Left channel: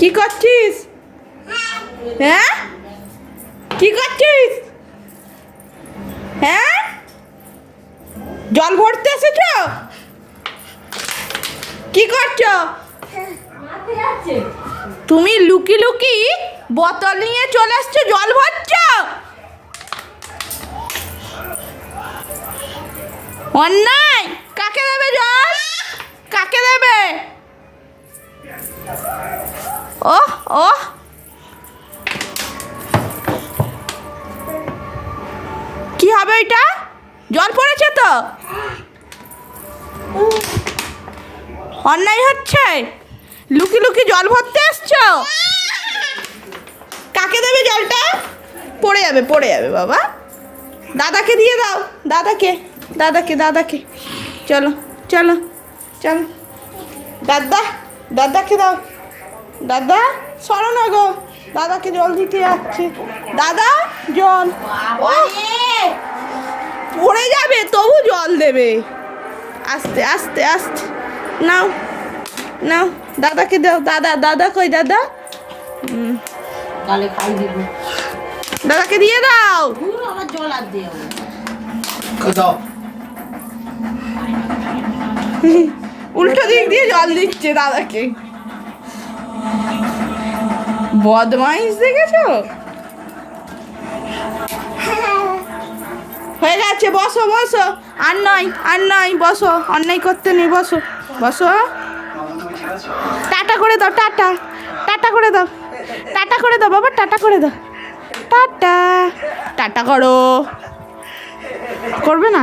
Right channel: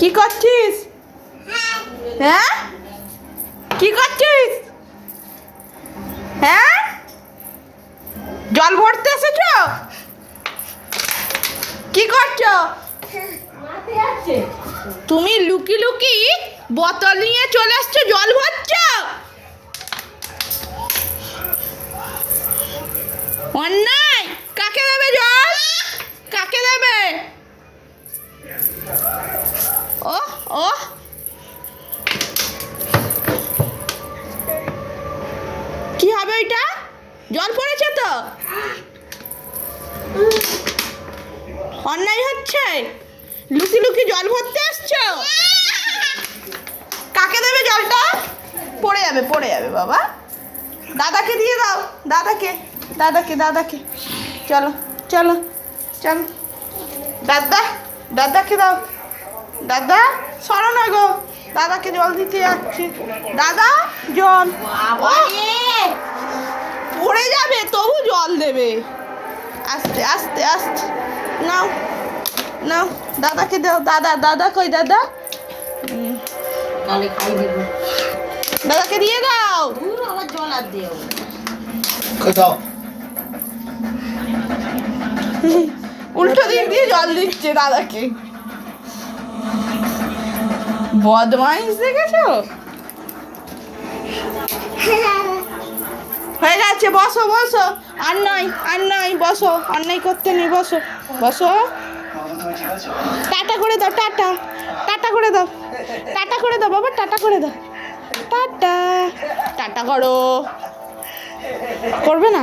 কি করছিস? হ্যাঁ, কি করছিস? হ্যাঁ, জল ভরতে এসেছ? কি করছো তুমি? লুকি লুকি বোতল নিয়ে চলে এসছো, জল ভরছো? অন্যায়। কাকে দেবে জল? কাকে দেবে? ওহ ওহ, কি হবে এটা? জল পড়েছে তো, অন্যায় হচ্ছে। লুকি লুকি জল ভরতে এসছো, কাকে দেবে জলটা? পড়ে যাবে, পড়ে যাবে বাবা। দাদাকে দিয়ে দাও, দাদাকে দাদাকে দাদাকে। চলো চলো চলো, দাদা দাদাকে দাও। দাদা সরো না গো, দাদাকে জল দিতে যাচ্ছে। দাদা জল। ও পড়ে যাবে, তবু জল দেবে। আস্তে আস্তে আস্তে, নাও নাও, দাদাকে দাও। দাদা, দাদা কই দাদা? তাহলে খাই দিব। দাদাকে দিয়ে দাও। আমার জল আর দিয়ে দাও। উল্টো দিক দিয়ে জল দিচ্ছে দাদাকে। বদমাইশ দেখেছো? হয়ে গেছে, বসো বসো। আর নয় আর নয়, বসো। অন্যায় করতে নেই, বসো বসো। টাটা করে দাও, টাটা টাটা করে দাও, টাটা করে দাও বাবা, টাটা করে দাও। টাটা টাটা করো। করবে না?